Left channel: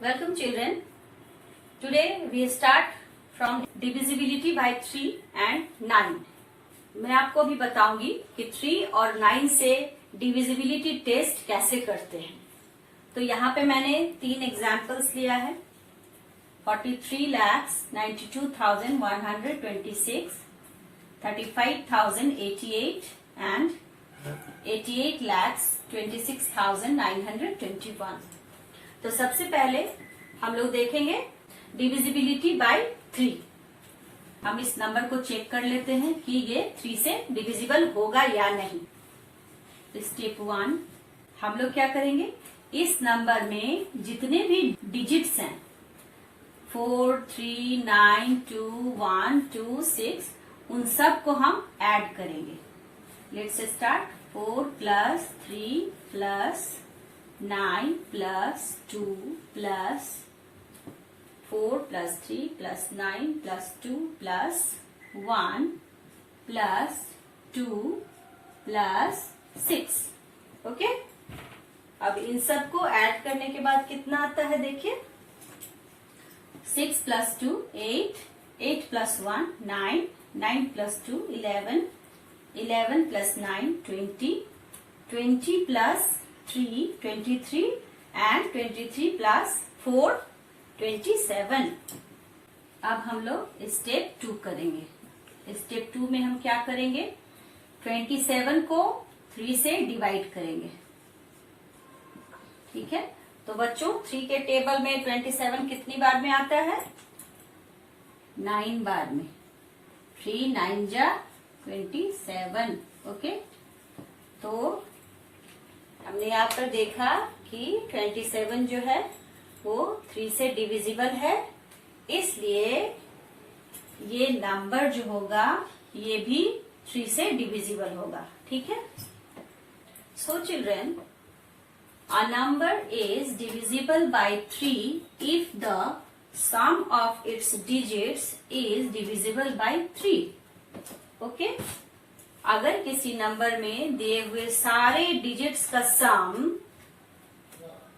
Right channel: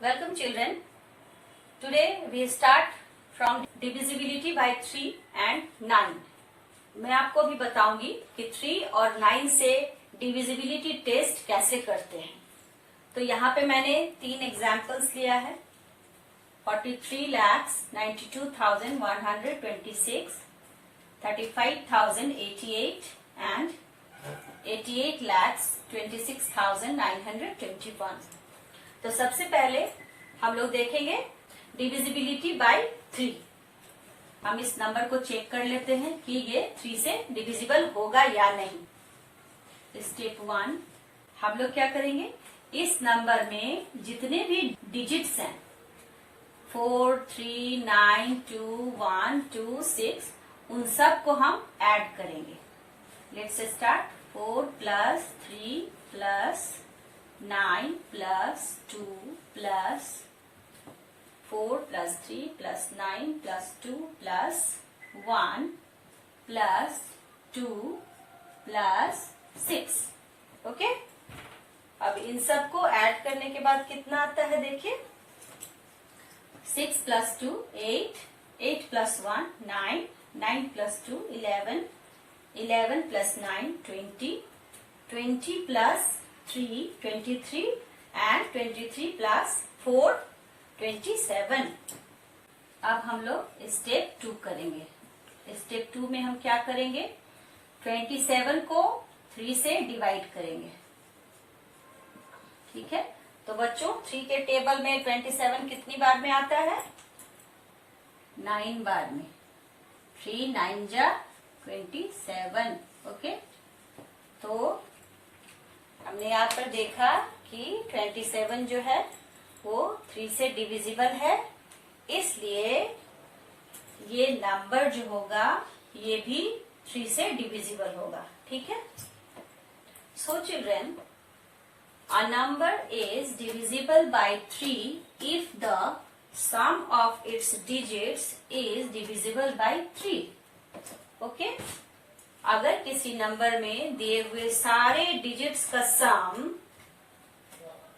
Welcome children. Today we start from divisibility by 3 and 9. मैं आपको भी बताऊंगी कि 3 और 9 से डिविजिबिलिटी टेस्ट कैसे करते हैं। तो यहाँ पे मैंने 3 एग्जाम्पल्स लिया है। 43,92,126, 35,088 and 88,26,921। तो सबसे पहले हम लोग देखेंगे डिविजिबिलिटी बाय 3। हम इस नंबर को चेक कर लेते हैं कि ये 3 से डिविजिबल होगा या नहीं। स्टेप 1 हम लोग क्या करेंगे, इस नंबर में जितने भी डिजिट्स हैं 4, 3, 9, 2, 1, 2, 6 उन सब को हम ऐड करेंगे। Let's start. 4 plus 3 plus 9 plus 2 plus 4 plus 3 plus 9 plus 2 plus 1 plus 2 plus 6। Okay, अब इन सब को ऐड करने के बाद कितना आता है देखिए। 6 plus 2 8, 8 plus 1 9, 9 plus 2 11, 11 plus 9 20, 20 plus 3 23 and 23 plus 4 27। अब हम लोग स्टेप 2 करेंगे। स्टेप 2 में हम क्या करेंगे, 27 को 3 से डिवाइड करेंगे। ठीक है, तो बच्चों 3 के टेबल में 27 कितनी बार में आता है, 9 बार में। 3 9 जा 27। ओके, तो हमने यहाँ पर देखा कि 27 जो है वो 3 से डिविजिबल है, इसलिए ये नंबर जो होगा ये भी 3 से डिविजिबल होगा। ठीक है। So children, a number is divisible by 3 if the sum of its digits is divisible by 3. Okay? अगर किसी नंबर में दिए हुए सारे डिजिट्स का सम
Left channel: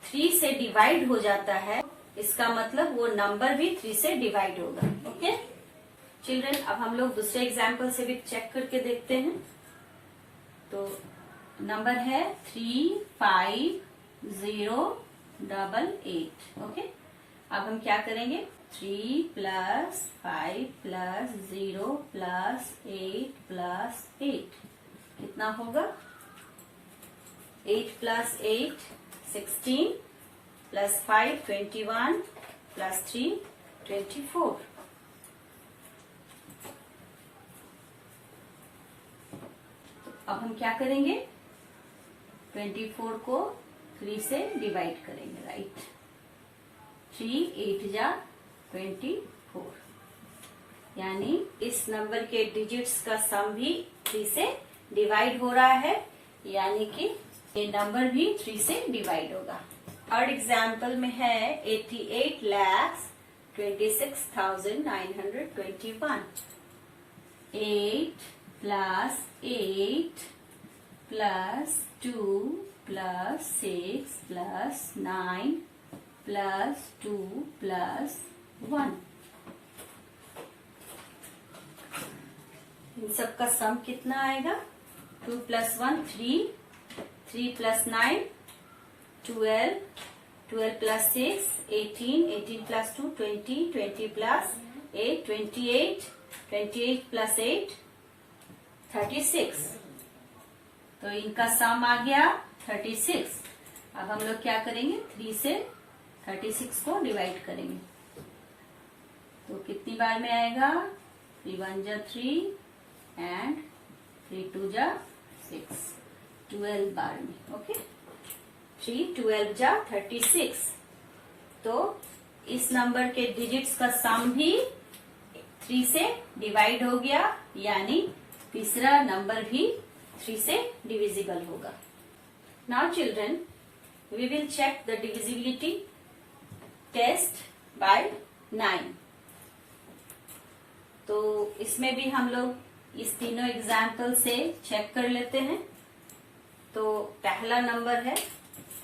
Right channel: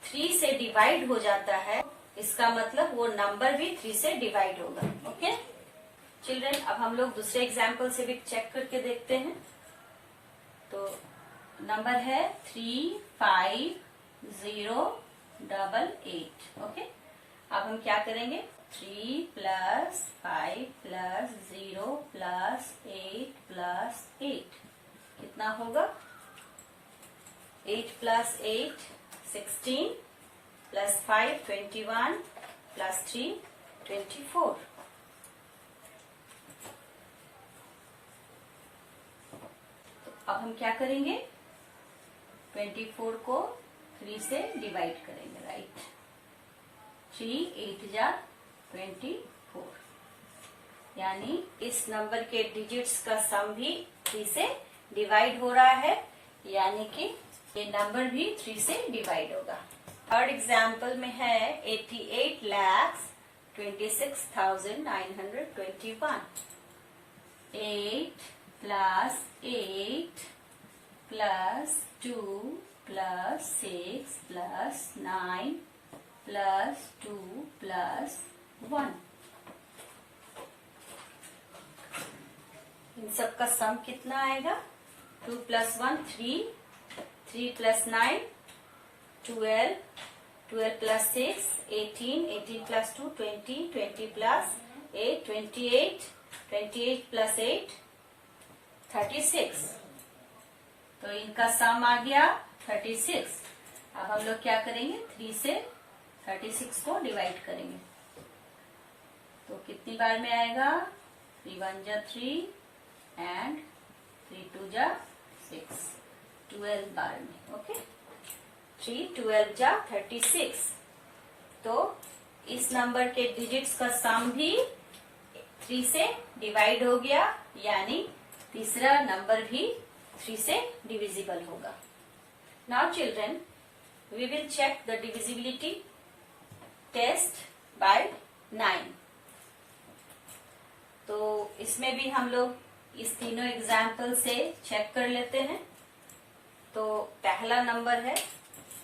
3 से डिवाइड हो जाता है, इसका मतलब वो नंबर भी 3 से डिवाइड होगा। ओके चिल्ड्रन, अब हम लोग दूसरे एग्जाम्पल से भी चेक करके देखते हैं। तो नंबर है 35088। ओके, अब हम क्या करेंगे, 3 प्लस 5 प्लस 0 प्लस 8 प्लस 8 कितना होगा, 8 प्लस 8 16 प्लस 5 21 प्लस 3 24। अब हम क्या करेंगे, 24 को 3 से डिवाइड करेंगे। राइट, 3 8 जा 24, यानी इस नंबर के डिजिट्स का सम भी 3 से डिवाइड हो रहा है, यानी कि ये नंबर भी 3 से डिवाइड होगा। थर्ड एग्जाम्पल में है 88,26,921। 8 plus 8 plus 2 plus 6 plus 9 plus 2 plus 1। इन सब का सम कितना आएगा, 2 plus 1 3, 3 plus 9 12, 12 plus 6 18, 18 plus 2 20, 20 plus 8 28, 28 plus 8 36। तो इनका सम आ गया 36। अब हम लोग क्या करेंगे, 3 से 36 को डिवाइड करेंगे। तो कितनी बार में आएगा, 3 1 जा 3 एंड 3 2 जा 6, 12 बार में। ओके, 3 12 जा 36। तो इस नंबर के डिजिट्स का सम भी 3 से डिवाइड हो गया, यानी तीसरा नंबर भी 3 से डिविजिबल होगा। Now children, we will check the divisibility test by 9। तो इसमें भी हम लोग इस तीनों एग्जाम्पल से चेक कर लेते हैं। तो पहला नंबर है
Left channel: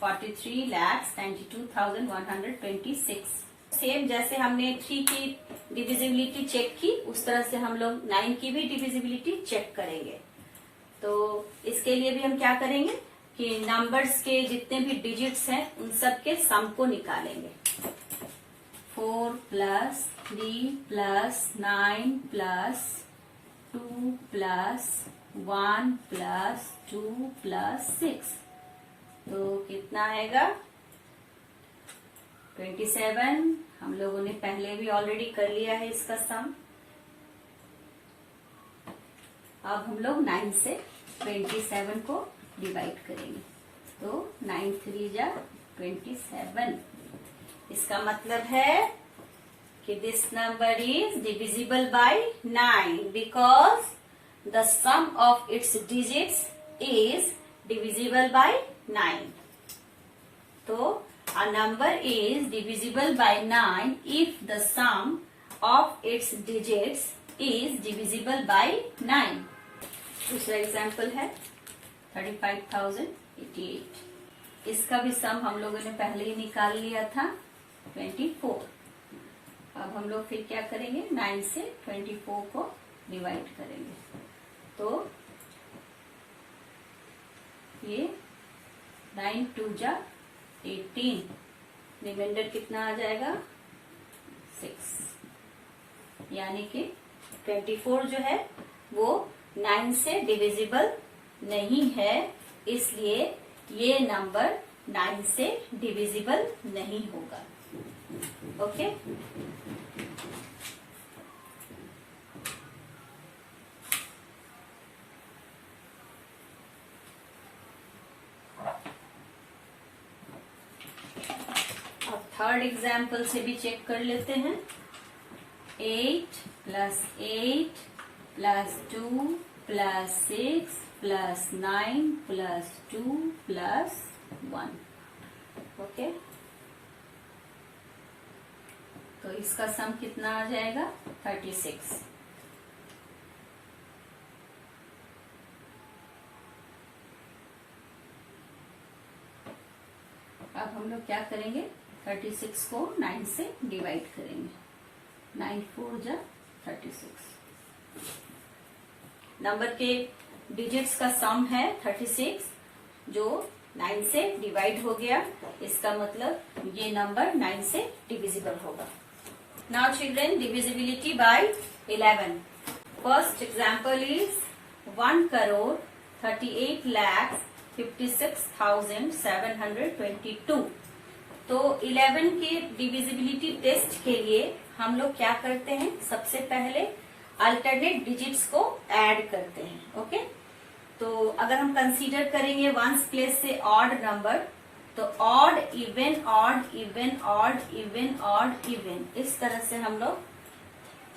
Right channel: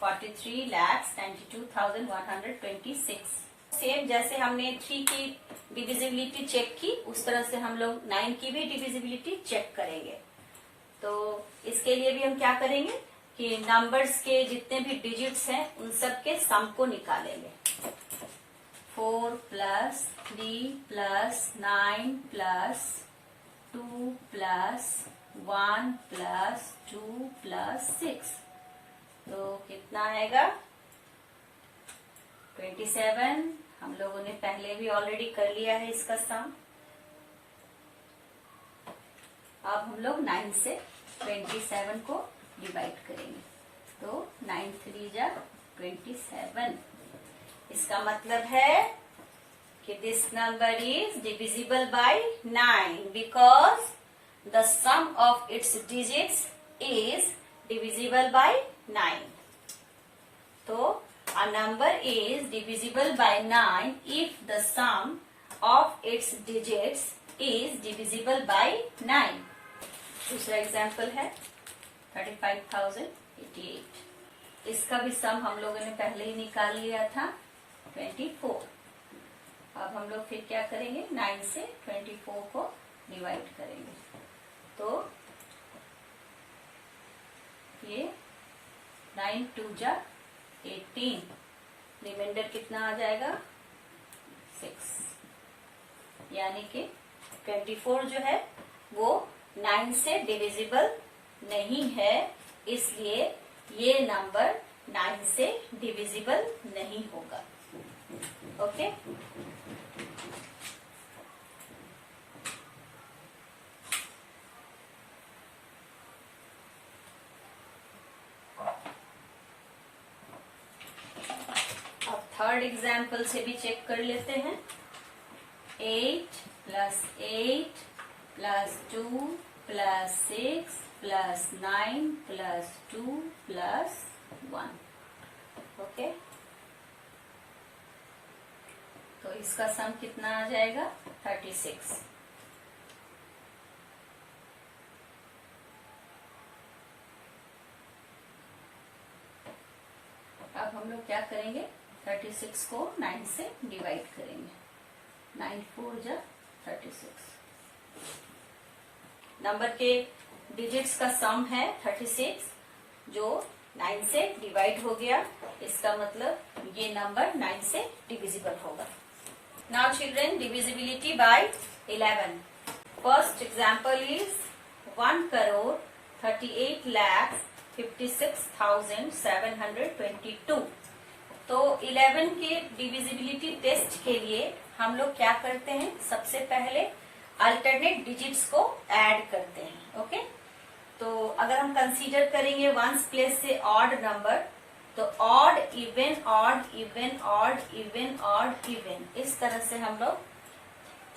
43,92,126। सेम जैसे हमने 3 की डिविजिबिलिटी चेक की, उस तरह से हम लोग 9 की भी डिविजिबिलिटी चेक करेंगे। तो इसके लिए भी हम क्या करेंगे कि नंबर्स के जितने भी डिजिट्स हैं उन सब के सम को निकालेंगे। 4 + 3 + 9 + 2 + 1 + 2 + 6, तो कितना आएगा 27। हम लोगों ने पहले भी ऑलरेडी कर लिया है इसका सम। अब हम लोग 9 से 27 को डिवाइड करेंगे, तो 9 3 जा 27। इसका मतलब है कि this number is divisible by 9 because the sum of its digits is divisible by 9। तो a number is divisible by 9 if the sum of its digits is divisible by 9। दूसरा एग्जाम्पल है 35,088। इसका भी सम हम लोगों ने पहले ही निकाल लिया था 24। अब हम लोग फिर क्या करेंगे, 9 से 24 को डिवाइड करेंगे, तो ये 9 2 जा 18, रिमाइंडर कितना आ जाएगा 6, यानी कि 24 जो है वो 9 से डिविजिबल नहीं है, इसलिए ये नंबर 9 से डिविजिबल नहीं होगा। ओके, थर्ड एग्जाम्पल से भी चेक कर लेते हैं। 8 + 8 + 2 + 6 + 9 + 2 + 1। ओके, तो इसका सम कितना आ जाएगा 36। अब हम लोग क्या करेंगे, 36 को 9 से डिवाइड करेंगे। 9 4 जा 36। नंबर के डिजिट्स का सम है 36, जो 9 से डिवाइड हो गया, इसका मतलब ये नंबर 9 से डिविजिबल होगा। Now children, divisibility bye 11। First example is 1,38,56,722। तो 11 के डिविजिबिलिटी टेस्ट के लिए हम लोग क्या करते हैं, सबसे पहले अल्टरनेट डिजिट्स को ऐड करते हैं। ओके, तो अगर हम कंसीडर करेंगे वंस प्लेस से ऑड नंबर, तो odd even odd even odd even odd even, इस तरह से हम लोग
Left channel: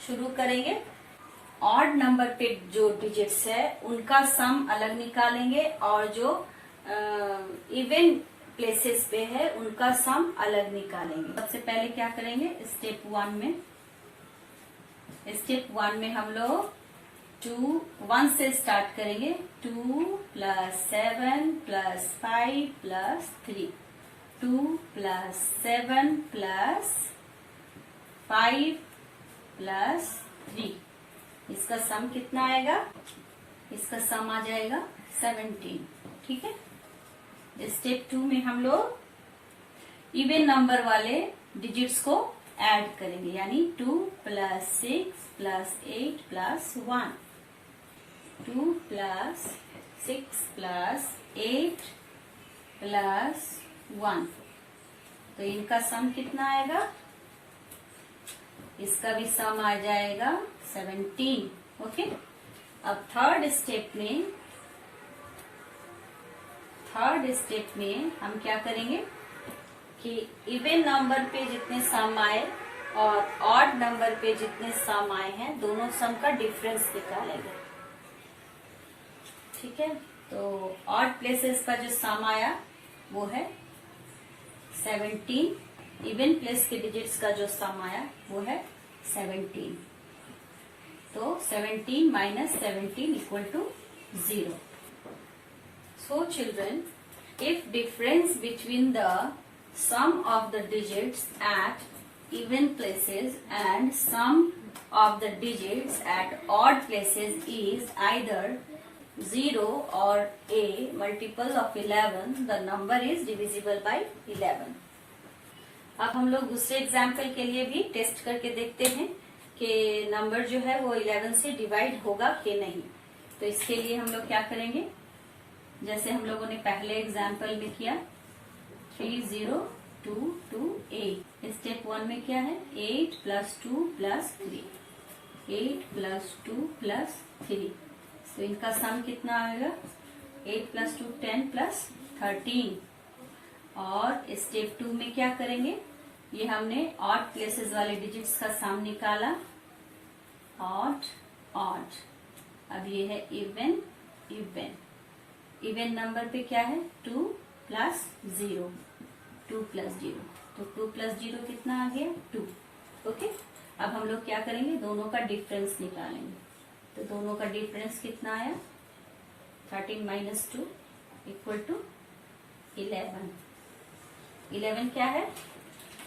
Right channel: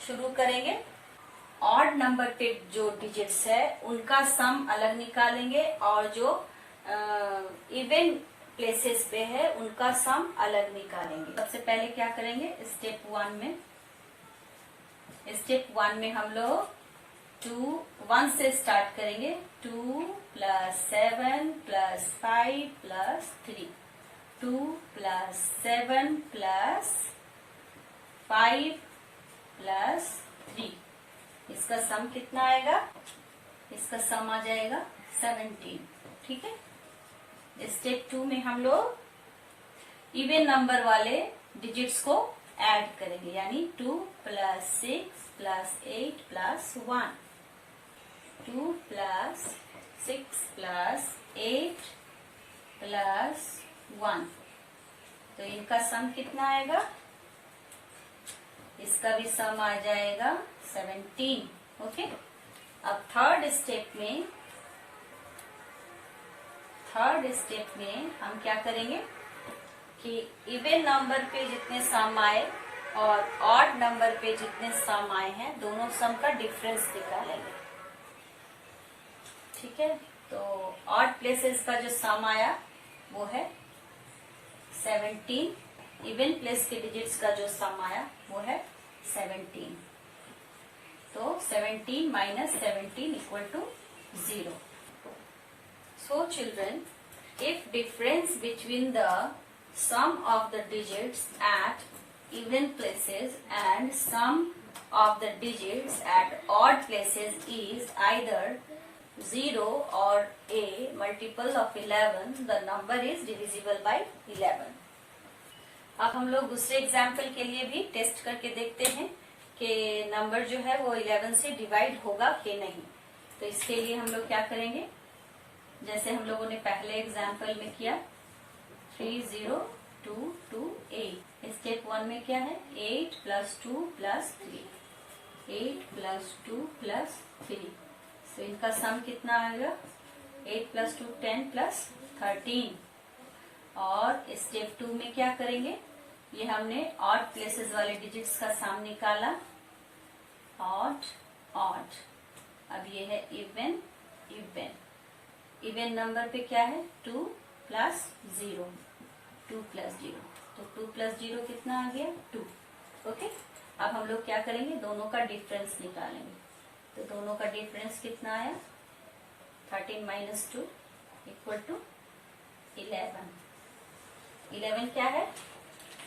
शुरू करेंगे। ऑड नंबर पे जो डिजिट्स है उनका सम अलग निकालेंगे, और जो इवन प्लेसेस पे है उनका सम अलग निकालेंगे। सबसे पहले क्या करेंगे, स्टेप 1 में हम लोग 1 से स्टार्ट करेंगे। 2 + 7 + 5 + 3, 2 + 7 + 5 + 3। इसका सम कितना आएगा, इसका सम आ जाएगा 17। ठीक है, स्टेप 2 में हम लोग इवन नंबर वाले डिजिट्स को ऐड करेंगे, यानी 2 + 6 + 8 + 1, 2 + 6 + 8 + 1। तो इनका सम कितना आएगा, इसका भी सम आ जाएगा 17। ओके, अब थर्ड स्टेप में हम क्या करेंगे कि इवन नंबर पे जितने सम आए और ऑड नंबर पे जितने सम आए हैं, दोनों सम का डिफरेंस निकालेंगे। ठीक है, तो ऑड प्लेसेस का जो सम आया वो है 17, इवन प्लेस के डिजिट्स का जो सम आया वो है 17। तो 17 - 17 = 0। So children, if difference between the sum of the digits at even places and sum of the digits at odd places is either 0 or a multiple of 11, the number is divisible by 11. अब हम लोग दूसरे example के लिए भी test करके देखते हैं कि नंबर जो है वो 11 से डिवाइड होगा कि नहीं। तो इसके लिए हम लोग क्या करेंगे, जैसे हम लोगों ने पहले एग्जाम्पल में किया 3 0 2 2 8। स्टेप 1 में क्या है 8 + 2 + 3, 8 + 2 + 3। तो इनका सम कितना आएगा 8 + 2 10 + 13। और स्टेप 2 में क्या करेंगे, ये हमने ऑड प्लेसेस वाले डिजिट्स का सम निकाला, ऑड ऑड। अब ये है इवन इवन। इवन नंबर पे क्या है 2 + 0, 2 + 0। तो 2 + 0 कितना आ गया 2। ओके, अब हम लोग क्या करेंगे, दोनों का डिफरेंस निकालेंगे। तो दोनों का डिफरेंस कितना आया 13 - 2 = 11। 11 क्या है,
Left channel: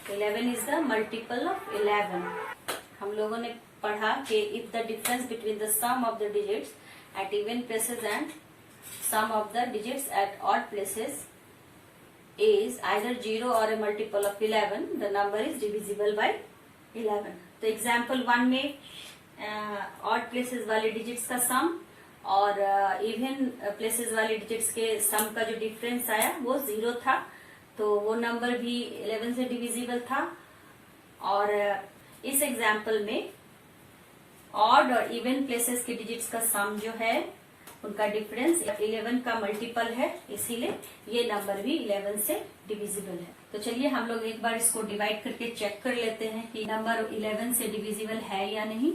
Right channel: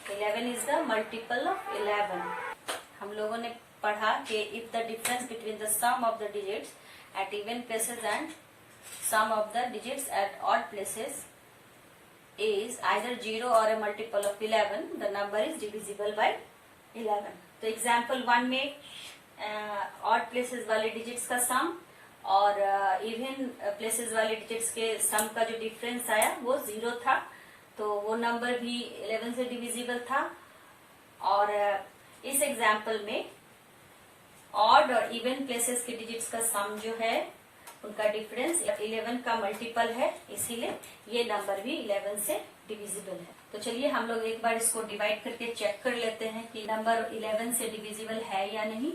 11 इज द मल्टीपल ऑफ 11। हम लोगों ने पढ़ा कि if the difference between the sum of the digits at even places and sum of the digits at odd places is either 0 or a multiple of 11, the number is divisible by 11। तो example 1 में odd places वाले digits का सम और even places वाले digits के सम का जो difference आया वो 0 था, तो वो नंबर भी 11 से डिविजिबल था। और इस एग्जाम्पल में ऑड और इवन प्लेसेस के डिजिट्स का सम जो है उनका डिफरेंस 11 का मल्टीपल है, इसीलिए ये नंबर भी 11 से डिविजिबल है। तो चलिए हम लोग एक बार इसको डिवाइड करके चेक कर लेते हैं कि नंबर 11 से डिविजिबल है या नहीं।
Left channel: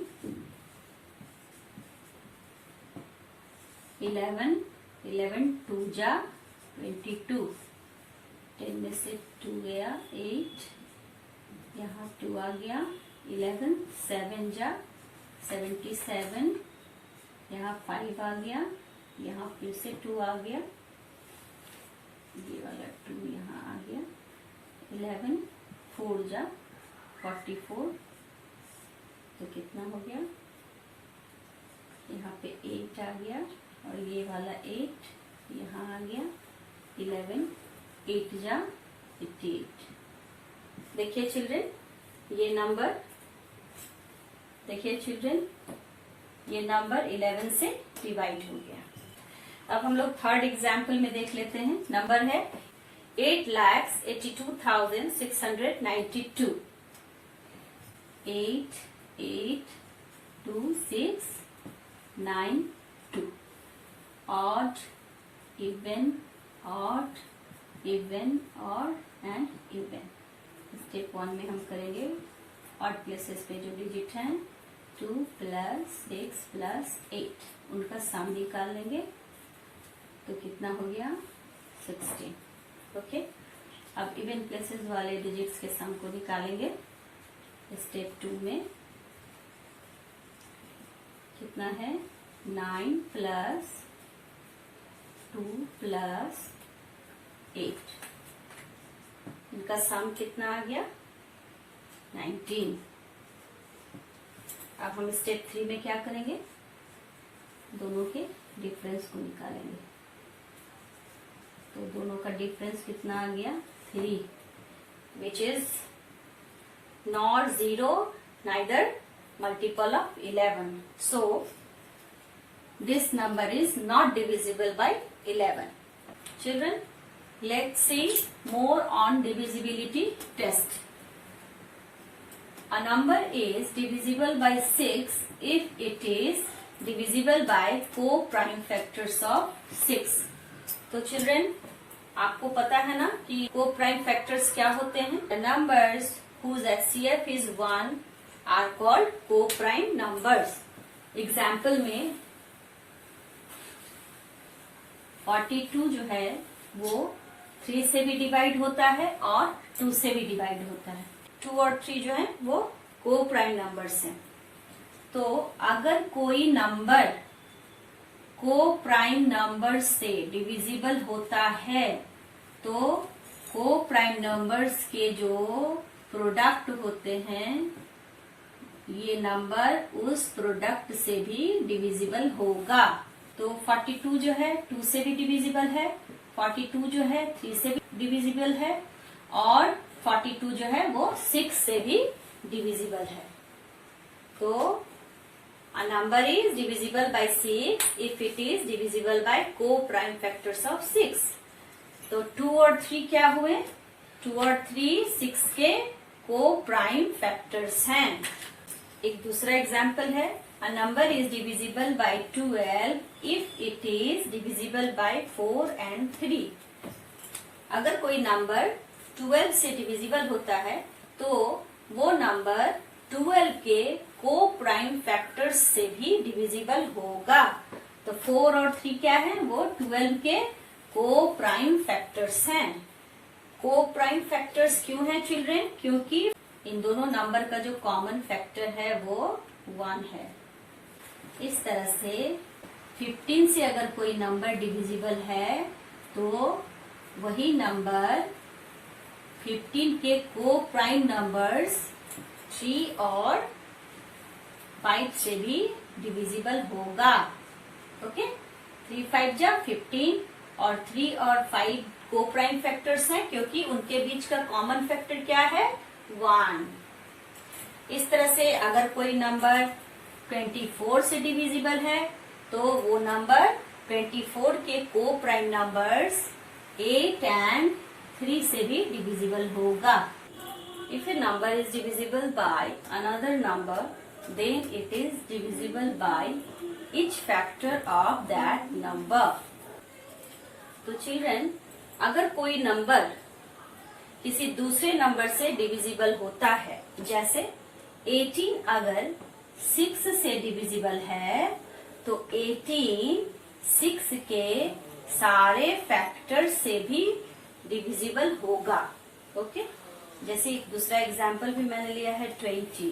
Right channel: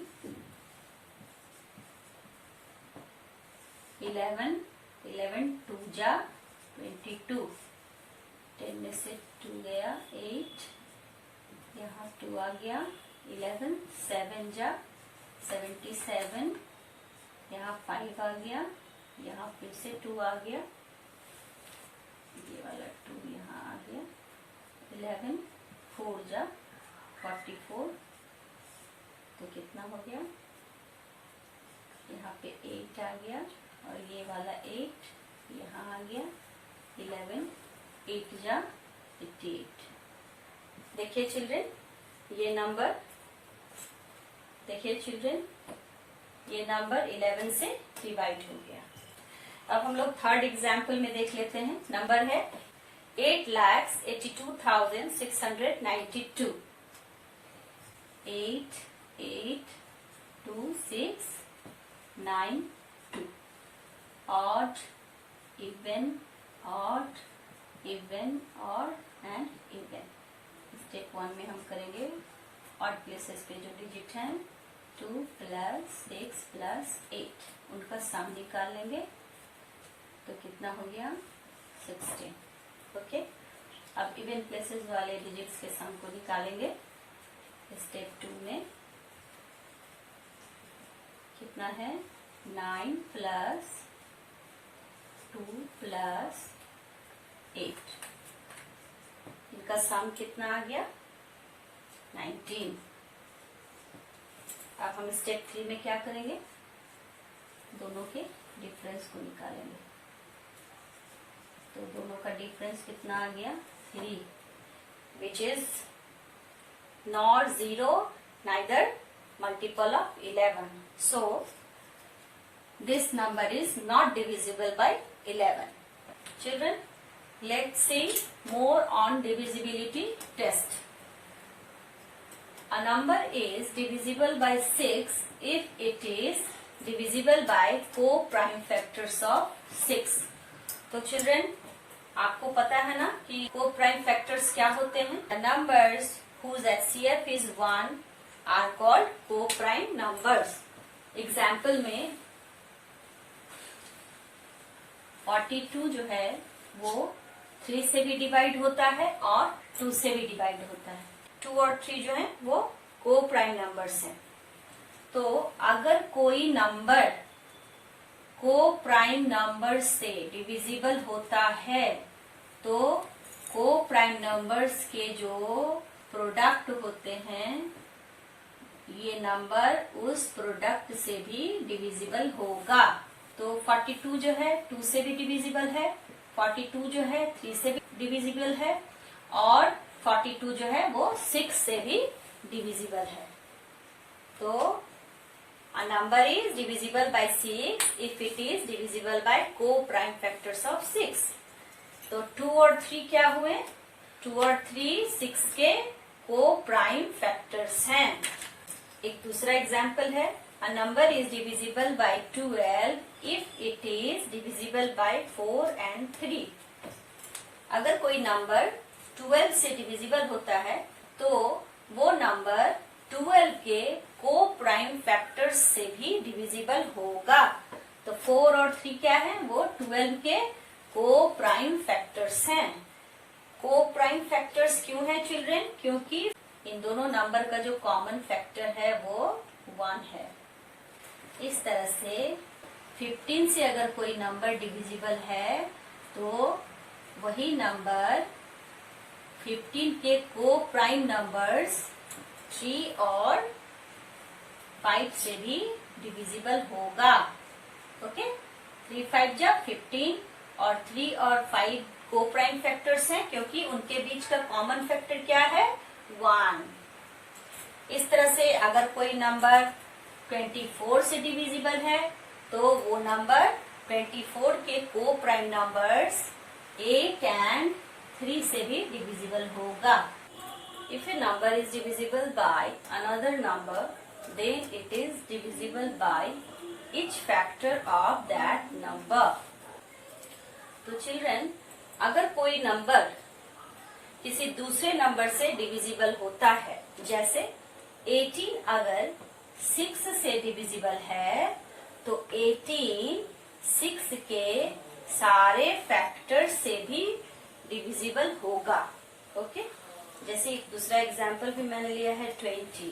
11 2 जा 22, 10 में से 2 गया 8, यहाँ 2 आ गया 11, 7 जा 77, यहाँ 5 आ गया, यहाँ फिर से 2 आ गया, ये वाला 2 यहाँ आ गया 11, 4 जा 44। तो कितना हो गया, यहाँ पे 8 आ गया और ये वाला 8 यहाँ आ गया 11, 8 जा 88। देखिए चिल्ड्रन, ये नंबर देखिए चिल्ड्रन, ये नंबर 11 से डिवाइड हो गया। अब हम लोग थर्ड एग्जाम्पल में देख लेते हैं। नंबर है 8,82,692। 8 8 2 6 9 2। Odd even odd even odd and even. Step 1 में हम करेंगे ऑड प्लेसेस पे जो डिजिट हैं 2 + 6 + 8, उनका सम निकाल लेंगे। तो कितना हो गया 16। ओके, अब इवन प्लेसेस वाले डिजिट्स के सम को निकालेंगे। स्टेप 2 में कितना है 9 + 2 + 8, इनका सम कितना आ गया 19। अब हम स्टेप 3 में क्या करेंगे, दोनों के डिफरेंस को निकालेंगे। तो दोनों का डिफरेंस कितना आ गया 3, which is not 0 neither multiple of 11। So this number is not divisible by 11। Children, let's see more on divisibility test. A number is divisible by 6 if it is divisible by co-prime factors of 6। तो children, आपको पता है ना कि co-prime factors क्या होते हैं। The numbers whose HCF is 1 are called co-prime numbers। Example में 42 जो है वो 3 से भी डिवाइड होता है और 2 से भी डिवाइड होता है। 2 और 3 जो है वो को प्राइम नंबर्स हैं। तो अगर कोई नंबर को प्राइम नंबर से डिविजिबल होता है तो को प्राइम नंबर्स के जो प्रोडक्ट होते हैं ये नंबर उस प्रोडक्ट से भी डिविजिबल होगा। तो 42 जो है 2 से भी डिविजिबल है, 42 जो है 3 से भी डिविजिबल है और 42 जो है वो 6 से भी डिविजिबल है। तो a number is divisible by 6 if it is divisible by co-prime factors of 6। तो 2 और 3 क्या हुए? 2 और 3 6 के co-prime factors हैं। एक दूसरा एग्जाम्पल है, a number is divisible by 12 if it is divisible by 4 and 3। अगर कोई नंबर 12 से डिविजिबल होता है तो वो नंबर 12 के को प्राइम फैक्टर्स से भी डिविजिबल होगा। तो 4 और 3 क्या है? वो 12 के को प्राइम फैक्टर्स हैं। को प्राइम फैक्टर्स क्यों है चिल्ड्रेन? क्योंकि इन दोनों नंबर का जो कॉमन फैक्टर है वो 1 है। इस तरह से 15 से अगर कोई नंबर डिविजिबल है तो वही नंबर 15 के को प्राइम नंबर्स 3 और 5 से भी डिविजिबल होगा। ओके, 3 5 जा 15 और 3 और 5 को प्राइम फैक्टर्स हैं क्योंकि उनके बीच का कॉमन फैक्टर क्या है? 1। इस तरह से अगर कोई नंबर 24 से डिविजिबल है तो वो नंबर 24 के को प्राइम नंबर्स 8 एंड 3 से भी डिविजिबल होगा। If a number is divisible by another number, then it is divisible by each factor of that number। तो चिल्ड्रन, अगर कोई नंबर किसी दूसरे नंबर से डिविजिबल होता है, जैसे 18 अगर 6 से डिविजिबल है तो 18 6 के सारे फैक्टर्स से भी डिविजिबल होगा। ओके, जैसे एक दूसरा एग्जाम्पल भी मैंने लिया है 20।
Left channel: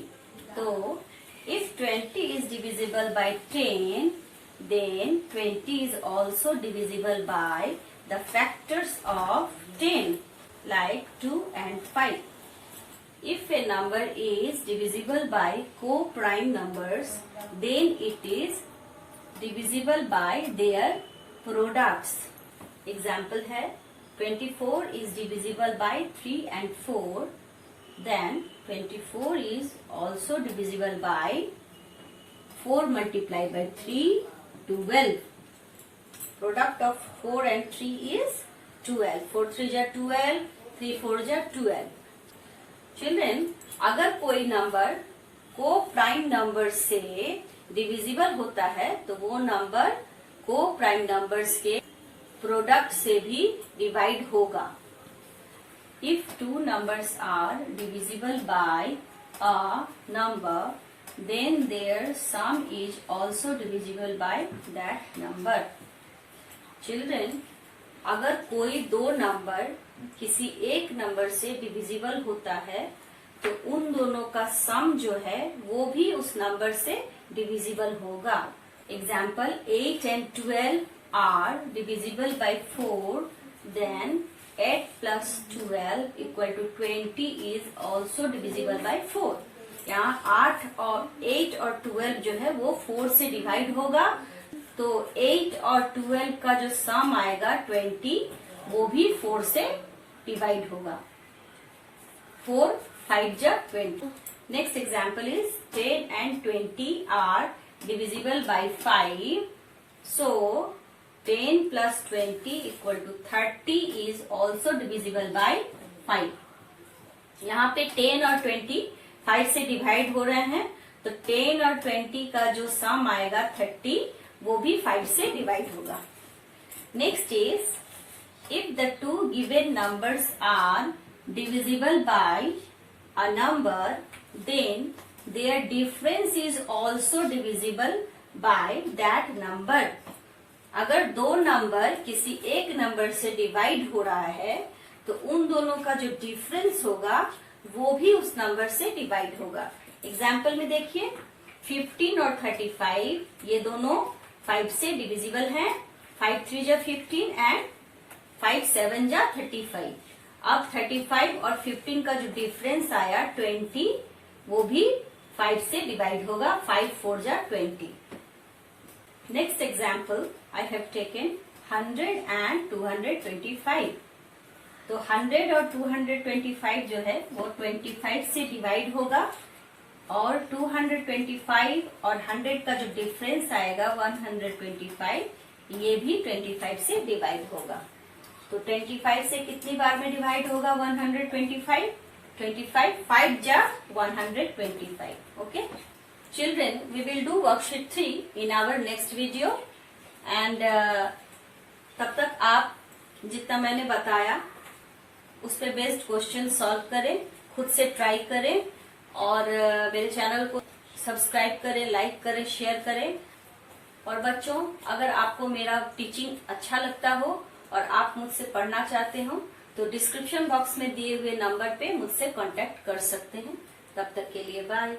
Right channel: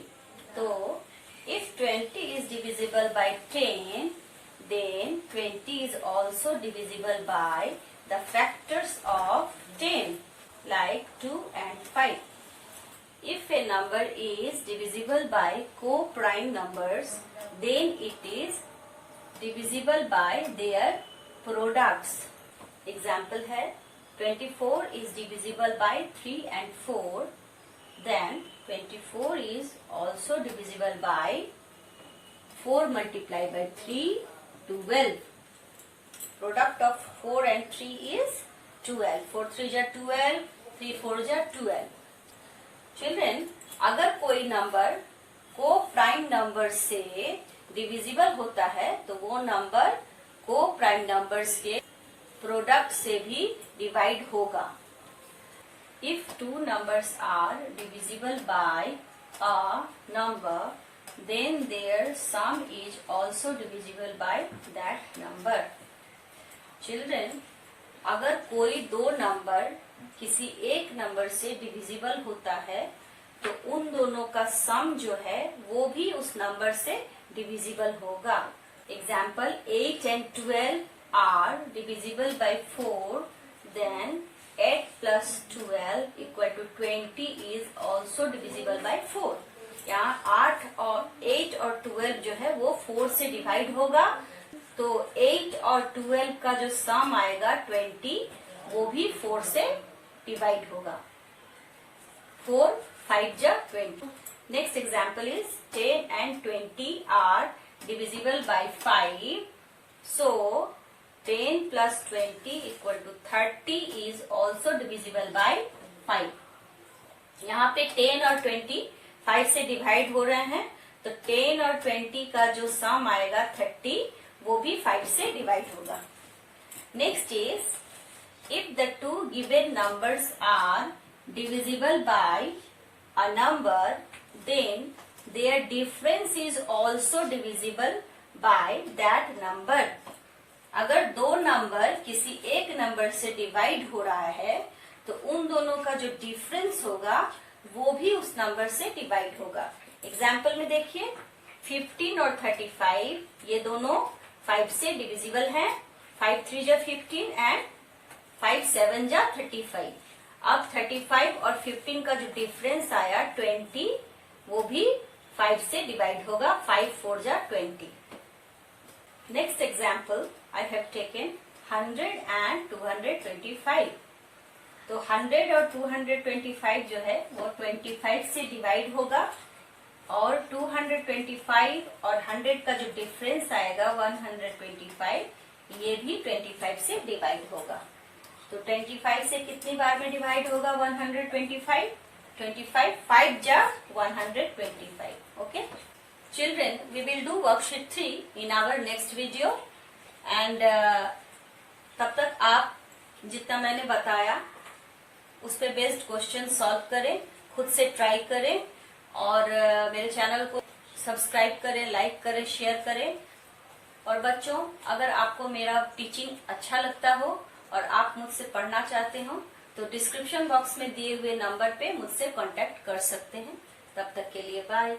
तो if 20 is divisible by 10, then 20 is also divisible by the factors of 10 like 2 and 5। If a number is divisible by co-prime numbers, then it is divisible by their products। Example है 24 is divisible by 3 and 4, then 24 is also divisible by 4 multiplied by 3, 12। Product of 4 and 3 is 12। 4 3 जा 12, 3 4 जा 12। Children, अगर कोई number को prime number से divisible होता है तो वो नंबर को प्राइम नंबर्स के प्रोडक्ट से भी डिवाइड होगा। If two numbers are divisible by a number, then their sum is also divisible by that number। Children, अगर कोई दो नंबर किसी एक नंबर से डिविजिबल होता है तो उन दोनों का सम जो है वो भी उस नंबर से डिविजिबल होगा। Example 8 and 12 are divisible by 4, then 8 plus 12 equal to 20 is also divisible by 4। यहाँ 8 और 12 जो है वो 4 से डिवाइड होगा, तो 8 और 12 का जो सम आएगा 20 वो भी 4 से डिवाइड होगा। 4 5 जा 20। Next example is 10 and 20 are divisible by 5, so 10 plus 20 equal to 30 is also divisible by 5। यहाँ पे 10 और 20 5 से डिवाइड हो रहे हैं, तो 10 और 20 का जो सम आएगा 30 वो भी 5 से डिवाइड होगा। Next is if the two given numbers are divisible by a number, then their difference is also divisible by that number. अगर दो नंबर किसी एक नंबर से डिवाइड हो रहा है तो उन दोनों का जो डिफरेंस होगा वो भी उस नंबर से डिवाइड होगा। एग्जाम्पल में देखिए 15 और 35 ये दोनों 5 से डिविजिबल हैं। 5 3 जा 15 एंड 5 7 जा 35। अब 35 और 15 का जो डिफरेंस आया 20, वो भी 5 से डिवाइड होगा। 5 4 जा 20। Next example I have taken 100 and 225। तो 100 और 225 जो है वो 25 से डिवाइड होगा, और 225 और 100 का जो डिफरेंस आएगा 125, ये भी 25 से डिवाइड होगा। तो 25 से कितनी बार में डिवाइड होगा 125? 25 5 जा 125। Okay children, we will do worksheet 3 in our next video. And तब तक आप जितना मैंने बताया उस पे बेस्ड क्वेश्चन सॉल्व करें, खुद से ट्राई करें, और मेरे चैनल को सब्सक्राइब करें, लाइक करें, शेयर करें। और बच्चों, अगर आपको मेरा टीचिंग अच्छा लगता हो और आप मुझसे पढ़ना चाहते हो तो डिस्क्रिप्शन बॉक्स में दिए हुए नंबर पे मुझसे कांटेक्ट कर सकते हैं। तब तक के लिए बाय।